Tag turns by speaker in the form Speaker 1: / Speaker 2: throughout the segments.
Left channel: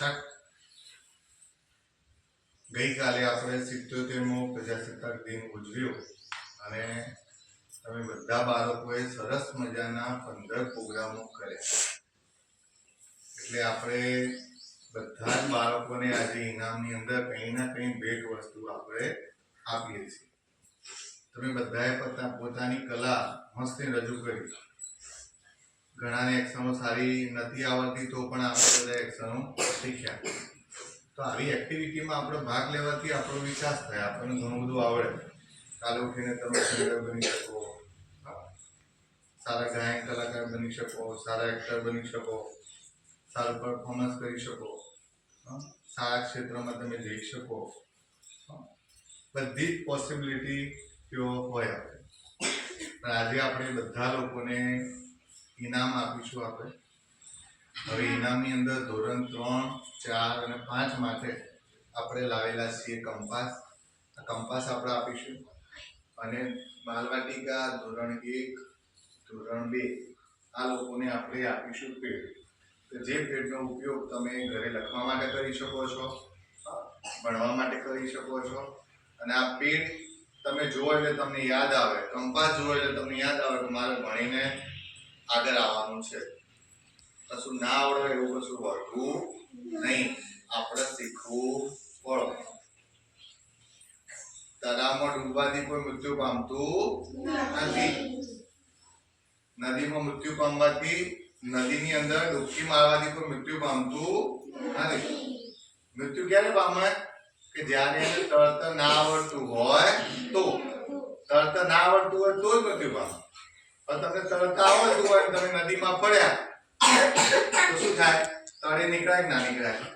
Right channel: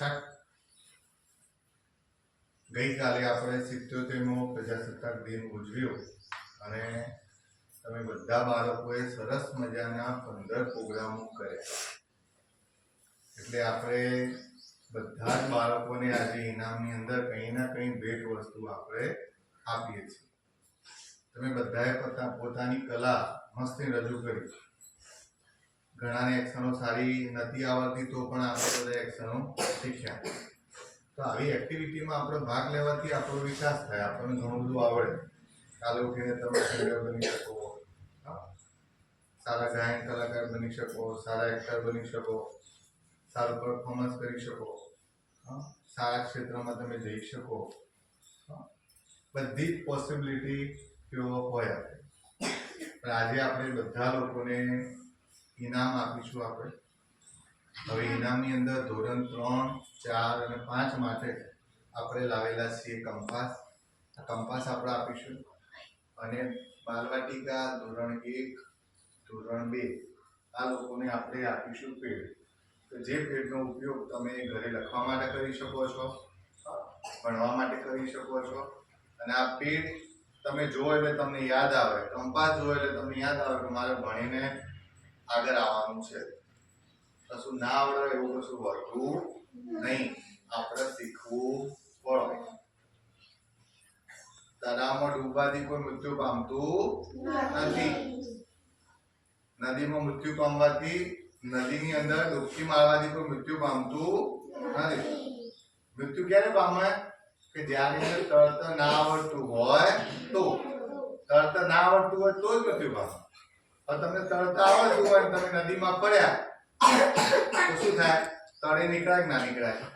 Speaker 1: છઠ ગઈકાલે આપણે સિત્તોતેરમો પ્રજાસત્તાક દિન ઉજવ્યો અને તમે બધા બાળકોએ સરસ મજાના પંદર પ્રોગ્રામો કર્યા. એટલે આપણે બધા જ બાળકોને આજે ઇનામની અંદર કંઈ ના કંઈ ભેટ વસ્તુ આપણે આપીએ છીએ. તમે બધાએ પોતા પોતાની કલા મસ્તી રજૂ કરી. ઘણાને એક્શનો સારી નથી આવડતી તો પણ આપણે બધા એક્શનો શીખ્યા તો આવી એક્ટિવિટીમાં આપણો ભાગ લેવાથી આપણો વિકાસ થાય, આપણને ઘણું બધું આવડે કાલે ઉઠીને તમે બની શકો. સારા ગાયન કલાકાર બની શકો, સારા એક્ટર બની શકો, સારું પરફોર્મન્સ કરી શકો. સારા ક્ષેત્રમાં તમે જઈ શકો. બધી જ પોસિબિલિટી તેઓ હોય આપણે પણ આજે આપણે બધા લોકોને ઇનામ આપીશું આપણે. હવે ઇનામની અંદર ધોરણ ત્રણ, ચાર અને પાંચ માટે આપણે લાવેલા છીએ કંપાસ. આ કંપાસ આપણે આપીશું. અને બાલવાટિકા ધોરણ એક, ધોરણ બે, આ લોકોને આપણે આપીશું પેડ. તો જે પેડનો ઉપયોગ તમે ઘરે લખવા માટે કરી શકો છો, ભણવા માટે કરી શકો છો. અને આ પેડ તમે જુઓ એટલે તમને યાદ આવે. કંપાસ જુઓ એટલે તમને યાદ આવે કે મારે ભણીને આગળ આવવાનું છે. કશું ના આવડે એવું કશું હોતું નહીં. આપણે શીખવું પડે. તળાવમાં ડૂબવાથી કોઈ મૃત્યુ પામતું નથી. નદીમાં મૃત્યુ પામવાથી નદીની અંદર ડૂબકી મારવાથી કોઈ મૃત્યુ પામતું નથી. મૃત્યુ ક્યારે પામે? કે જ્યારે તરત ના આવડતું હોય તો. તરત ના આવડતું હોય તો જ મૃત્યુ પામે. પણ તમને તરતા આવડતું હોય તમે નદીમાં પડ્યા, તો શું થાય? તળે નીકળાય ના નીકળાય?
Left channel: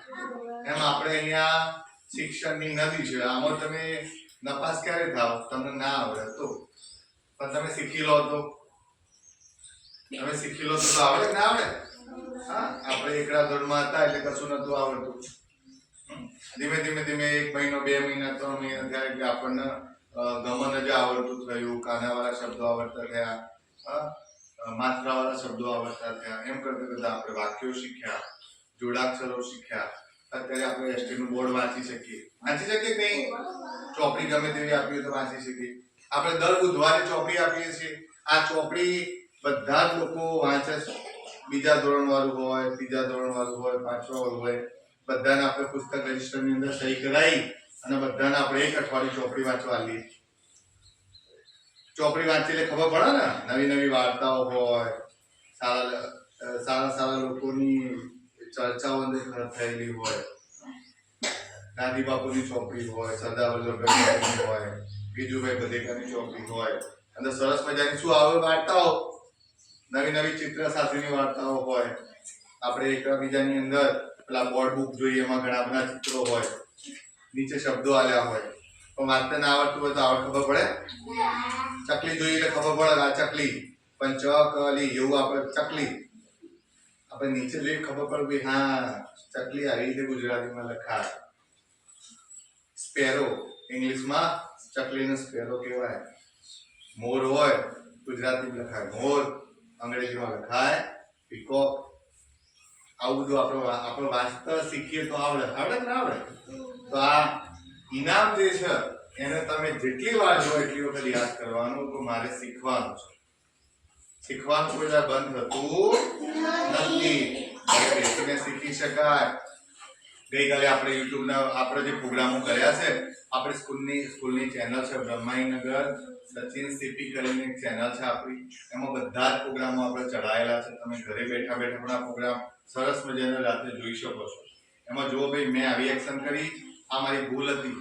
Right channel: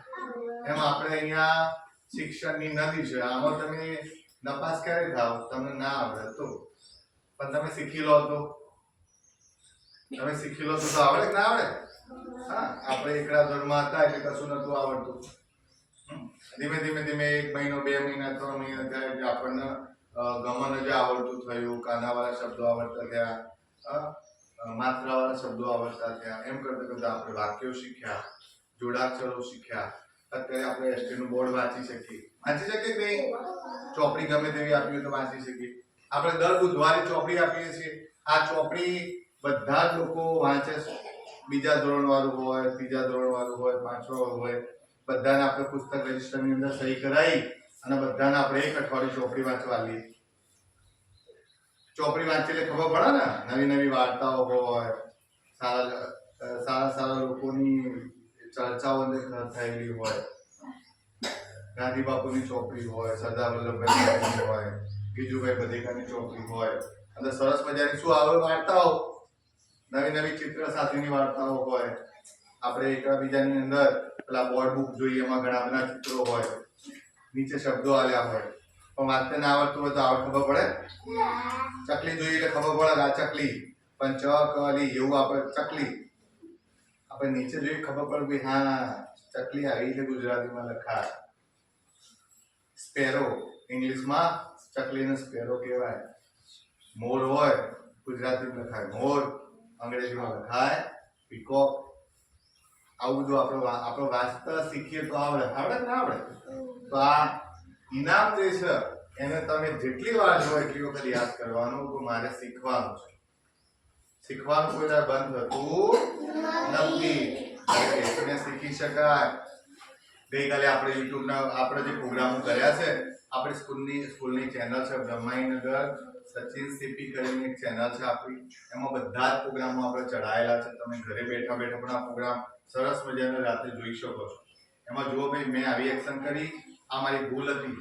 Speaker 1: એમ આપણે અહીંયા શિક્ષણની નદી છે, આમાં તમે નપાસ ક્યારે થાવ? તમને ના આવડે તો. પણ તમે શીખી લો તો. તમે શીખી લો તો આવડે કે ના આવડે? હા, આપણે એકડા ધોરણમાં હતા એટલે કશું નતું આવડતું. ધીમે ધીમે ધીમે એક મહિનો, બે મહિના, ત્રણ મહિના થયા એટલે આપણને ગમન જ આવડતું થયું, કાનાવાળા શબ્દો આવડતા થયા. માત્રાવાળા શબ્દો આવડતા થયા. એમ કરતા કરતાં આપણે વાક્યો શીખ્યા, જોડાક્ષરો શીખ્યા. અત્યારે આપણે એસટી નું બોર્ડ વાંચી શકીએ. વાંચી શકીએ કે નહીં? ચોપડી ગમે તેવી આપી હોય તો વાંચી શકીએ. આપણે દર બુધવારે ચોપડી આપીએ છીએ. આ ચોપડી બધા જ લોકો વાંચે છે. બીજા ધોરણ વાળું હોય, ત્રીજા ધોરણ વાળું હોય પાંચમા વાળું હોય. બધાને આપણે પુસ્તક રજિસ્ટરની અંદર સહી કરાવી અને બધાને આપણે એક અઠવાડિયું ચોપડી વાંચવા લઈએ ચોપડી વાંચી એટલે ખબર પડે ને? નવી નવી વાર્તાઓ હોય, સારા સારા સારા લોકોની ચર્ચાઓ અંદર થયેલી હોય. ગાંધી બાપુની ચોપડી હોય, સરદાર વલ્લભભાઈ હોય ગીજુભાઈ બધેકાની ચોપડી હોય. અને સરસ મજાની શું આવે વાર્તાઓ? નવી નવી ચિત્ર સાથેની વાર્તાઓ હોય. આપણે એકબીજાની અંદર પેલા બોર્ડ બુક જોઈએ, એમાં ઘણા બધા ચિત્રો હોય. નીચે શબ્દો આલ્યા હોય. પણ વાંચતા ના આવડતું હોય તો આવડ ખબર પડે. ચકલી જોઈએ એટલે ખબર પડે આ ચકલી. પણ ચકલી એવું આપણે ચકલી. આપણે નીચે જોઈએ ખબર પડે કે હા, ચકલી આવી રીતે ગુજરાતીમાં લખાય. સ્પેરો. ઇંગ્લિશમાં ચકલીનો સ્પેરો કહેવાય. મોર હોય, ગુજરાતીમાં લખાય. મોર અંગ્રેજીમાં લખાય. પીકોક. આવું બધું આપણે આપણે વાંચતા શીખીએ તો આવડે. આવડે ના આવડે? તો આ ઇનામ જે છે, એને તમે જેટલી વાર જો એટલી વખત યાદ કરવાનું કે મારે શીખવાનું છે. શીખવાનું કોઈ બંધ થતું નથી. બેસીને શીખી શકાય. ગઈકાલે આપણે યુટ્યુબના, આપણે જે પ્રોગ્રામો કર્યા છે, આપણી સ્કૂલની સ્કૂલની ચેનલ છે બ્રહ્માઈનગર. સચિન સીપી કરીને એક ચેનલ છે આપણી. એમાં બધા જ પ્રોગ્રામો આપણે ચડાયેલા છે. તમે ઘરે બેઠા બેઠા પણ આ પ્રોગ્રામ સરસ મજાના રાતે જોઈ શકો છો. એમાં જુઓ ભાઈ, મેં આવી એક્શન કરી. આ મારી ભૂલ હતી.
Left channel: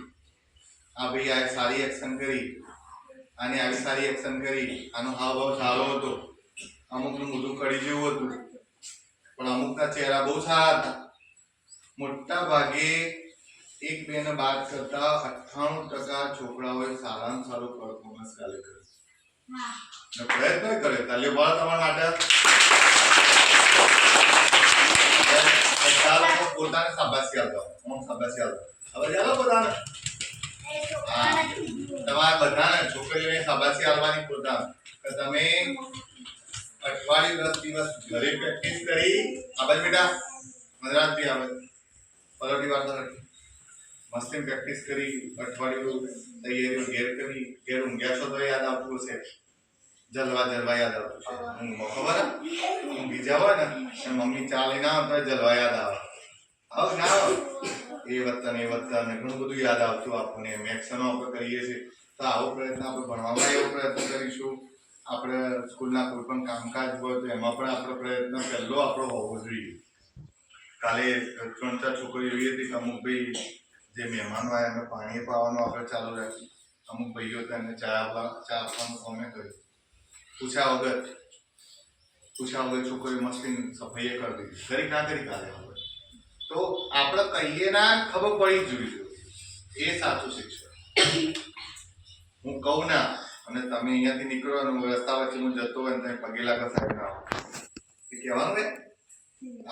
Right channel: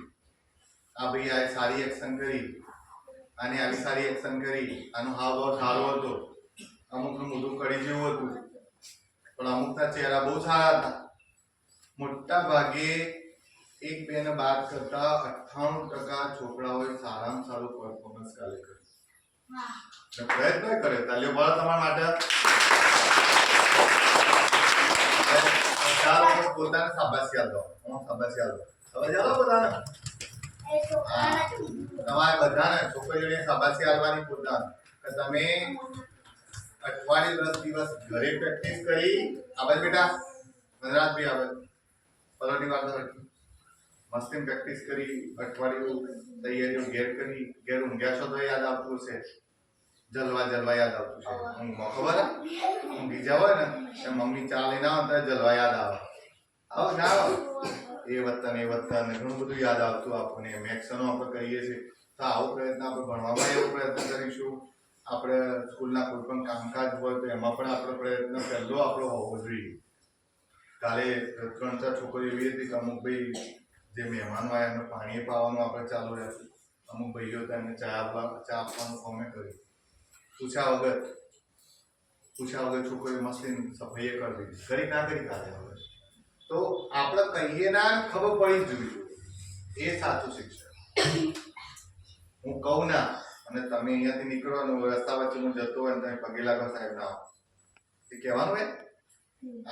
Speaker 1: આ ભાઈ આ સારી એક્શન કરી આને આવી સારી એક્શન કરી. આનો હાવભાવ સારો હતો. અમુકનું મોઢું કડી જેવું હતું. પણ અમુકના ચહેરા બહુ સારા હતા. મોટા ભાગે એક બે ને બાદ કરતા અઠ્ઠાણું ટકા છોકરાઓએ સારામાં સારું પરફોર્મન્સ કાલે કર્યું. પ્રયત્ન કરે તાલીઓ બળ તમારા માટે. બધા લોકો પોતાને શાબાશી આપો હું શાબાશી આપો શાબાશી આપો પોતાને તમારે બધાને છોકરીઓને શાબાશી આપવાની પોતાને કે તમે અઠવાડિયું દસ દિવસ ઘરે પ્રેક્ટિસ કરી આ બાજુ બેટા ગુજરાતી આવે પલોઠી વાર તો મસ્તી પ્રેક્ટિસ કરી અઠવાડિયું તૈયારીઓ ઘેર કરી ઘેર ઊંઘ્યા છો તો યાદ આવતું હશે જલવા જલવા યાદ આવતું છે ઊંઘમાં ખબર હે? ઊંઘી જાવ હોય ને તો મમ્મી ચા લઈને આવે તો જલવા યાદ આવે આવ ના એ વત્તા એ વત્તા ને ઘણું બધું યાદ આવતું આપણને. મેક્સનો આપણે કરીએ છીએ. તો આવો પ્રયત્ન આપણે ભણવામાં એવો પ્રયત્ન કરીશું. આપણે સ્કૂલના કોઈ પણ કામકાજ હોય તો એમાં પણ આપણો પ્રયત્ન પહેલો આપણો હોવો જોઈએ. કાલે ત્રણ ચાર છોકરીઓ એવી હતી કે અમુક ભાઈ જે મહેમાનો આવ્યા એમને પાણી પાવાનું આપણે ચાલુ રાખ્યું. અમુક ભાઈઓ હતા એમને ચા આપવા ચા આપવાનું અમે કર્યું. પૂછ્યા વગર પૂછ્યા વગર છોકરીઓ મસ્તી સફાઈએ કરી દીધી. કરી ના કરી કાલે હવે. તો આપણે કહીએ ના ખબર પડી જ જોઈએ. એ સાચું શિક્ષણ. હું કહું ના અને તમે અહીંયાથી નીકળો અને રસ્તા વચ્ચે હું જતો હોય તમે પગે લાગો સાહેબ ના. એ કહેવાનું હે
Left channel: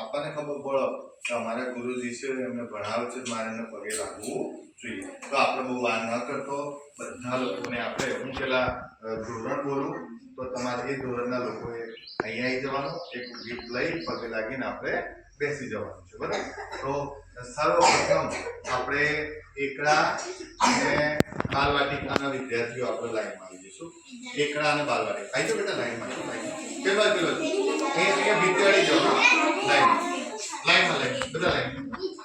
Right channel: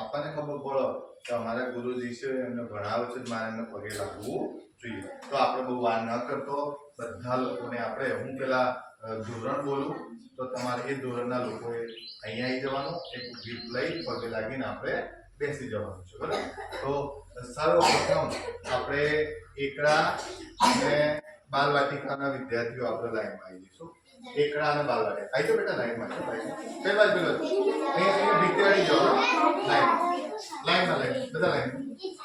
Speaker 1: આપણને ખબર પડો કે અમારા ગુરુજી છે એમને ભણાવે છે મારે એમને પગે લાગવું જોઈએ. તો આપણે બહુ વાર ન કરતો બધા લોકોને આપણે હું પેલા ધોરણ બોલું તો તમારે એ ધોરણના લોકોએ અહીંયા આવી જવાનું એક ગીત લઈ પગે લાગીને આપણે બેસી જવાનું છે, બરાબર? તો સર્વપ્રથમ આપણે એકડા અને બાલવાટિકાના વિદ્યાર્થીઓ આપણે લાઈનમાં આવી જઈશું. એકડા અને બાલવાટિકા. આવી તો બેટા લાઈનમાં પહેલા પેલા અહીંયા અહીંયા ભીતવાડી જવાનું? લાઈન. લાઈનમાં લાઈન. બધા લાઈન.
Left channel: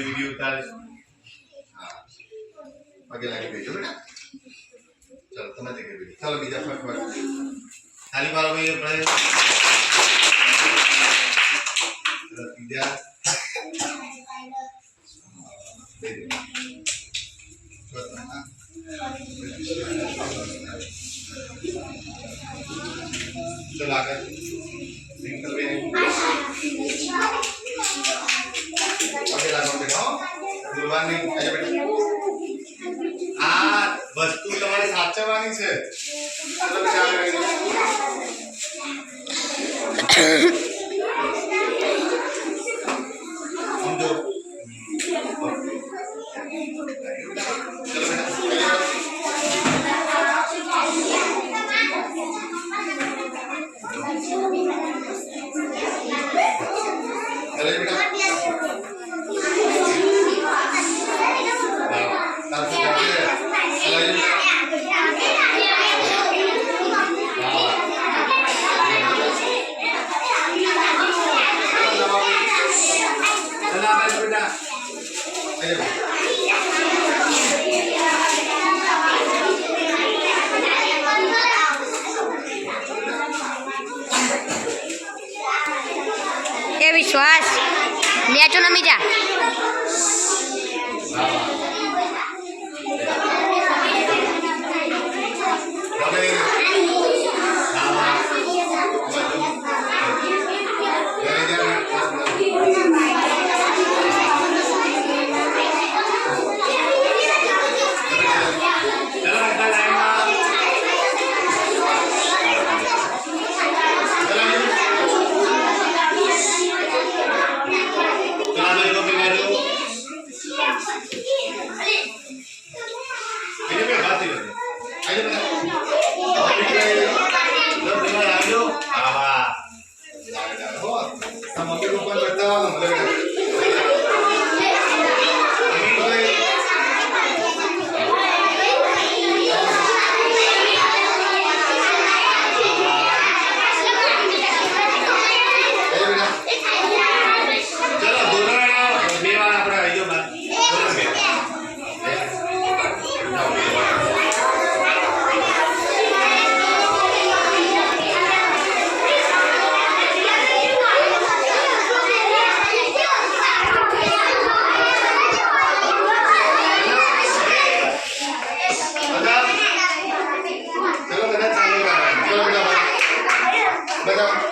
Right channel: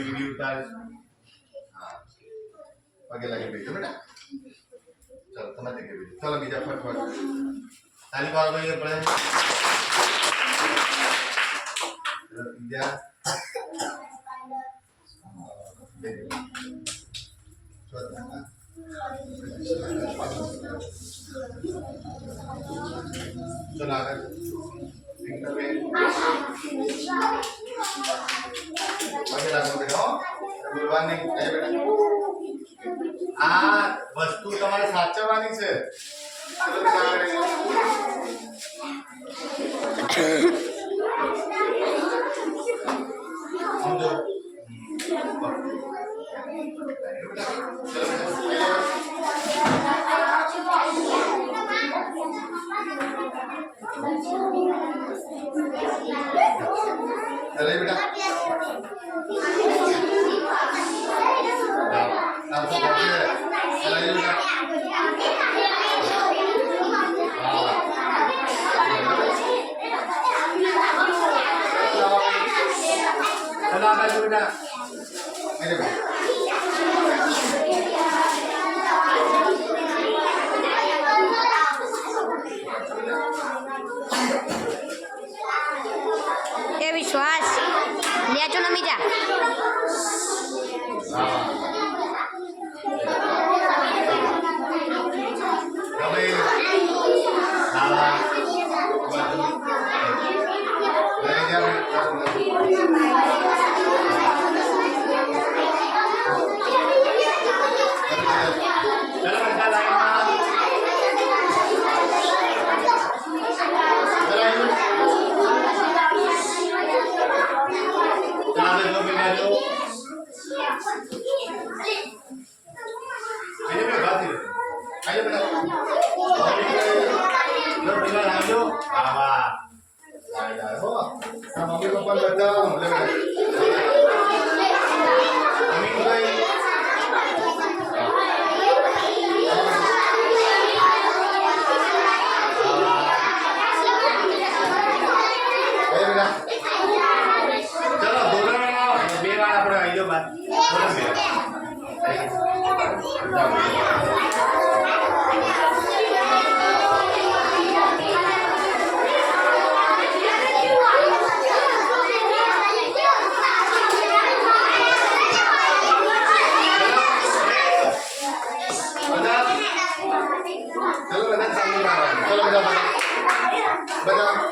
Speaker 1: ભાઈ વીડિયો ઉતારે. હા. પગે લાગી ગઈ જો બેટા. ચલો, તમે તે કરી ચલો, બીજા ફટ ફટ તાલી પાડો ભાઈ આપણે ચલો આમ
Speaker 2: એ વિશ્વાસ નેચો નમી જા
Speaker 1: 这个多大了？米娃，你放哪一
Speaker 2: 边？多大米？哎，多大？这个奶奶穿的
Speaker 1: 嘛？这个叫啥？奶奶？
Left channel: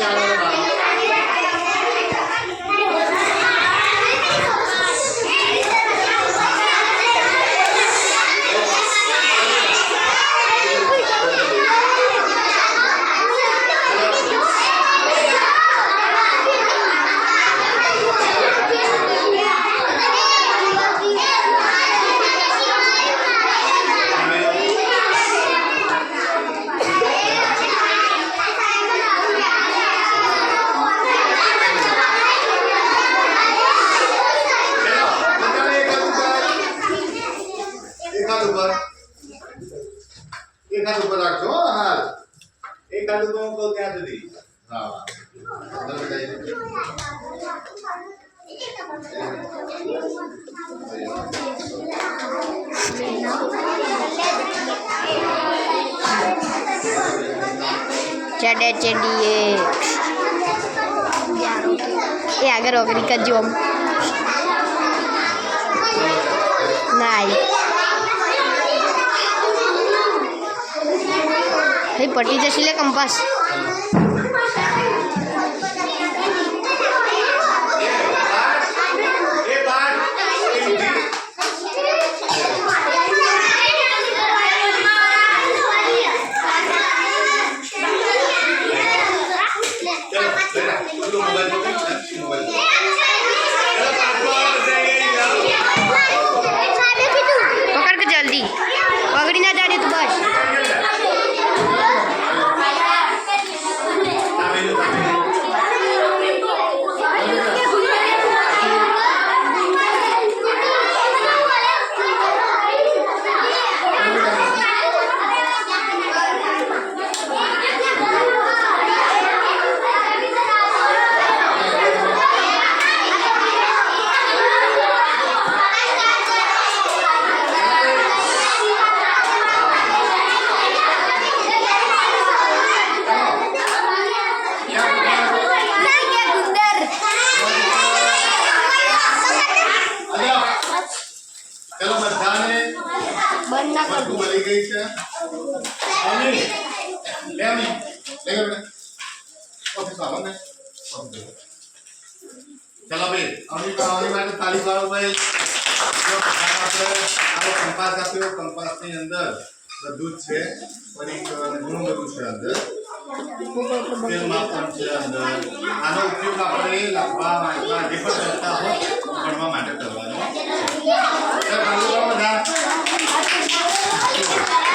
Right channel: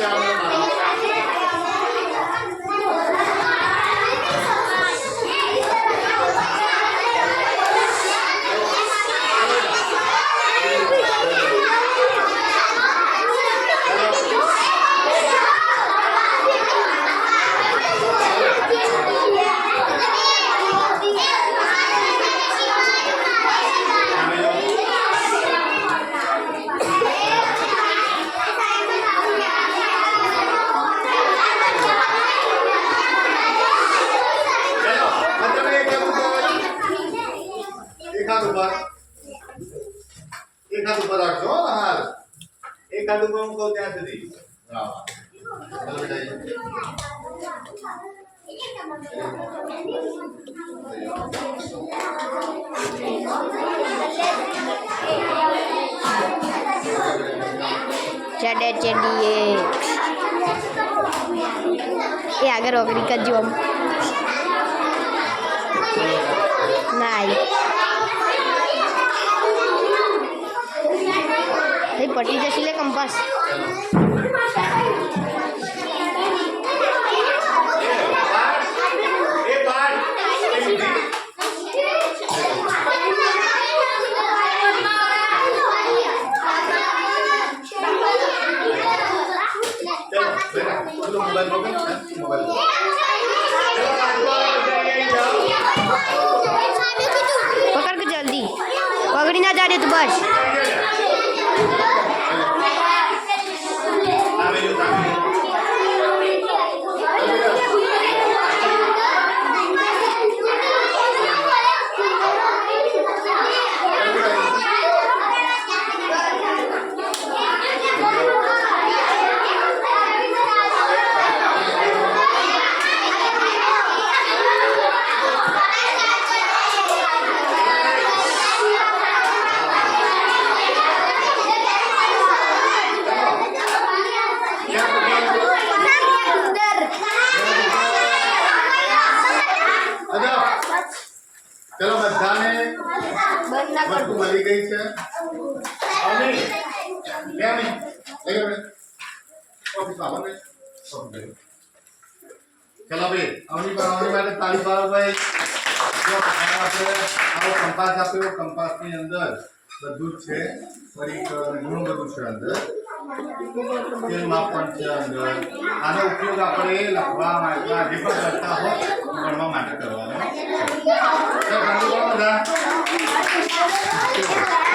Speaker 1: ചാടുന്നതാണ് Jadi jadi eh. ya agar ogri jom Nai.
Speaker 2: Hei, pati jasile kompas. ઓગળી ના તું બસ
Speaker 1: આવેલું, આવેલું. અદબ. ચલો બધાને વસ્તુ મળી ગઈ છે અમી લે અમી લે ગયો બેટા. ઓફિસમાં આવો ને ઓફિસ જજો. ચલો ભાઈ પર અમી માટે તાળી પાડો ભાઈ. આવો કંપાસ આપ્યો, કંપાસની અંદર બધું જ છે. અને ઘણું બધું છે અંદર. તેલ માપન છે અંદર. આનો ઉપયોગ આપણે લખવા, વાંચવા, જે પણ કરતા હોય ભણવા માટે કરવાનો. બધા.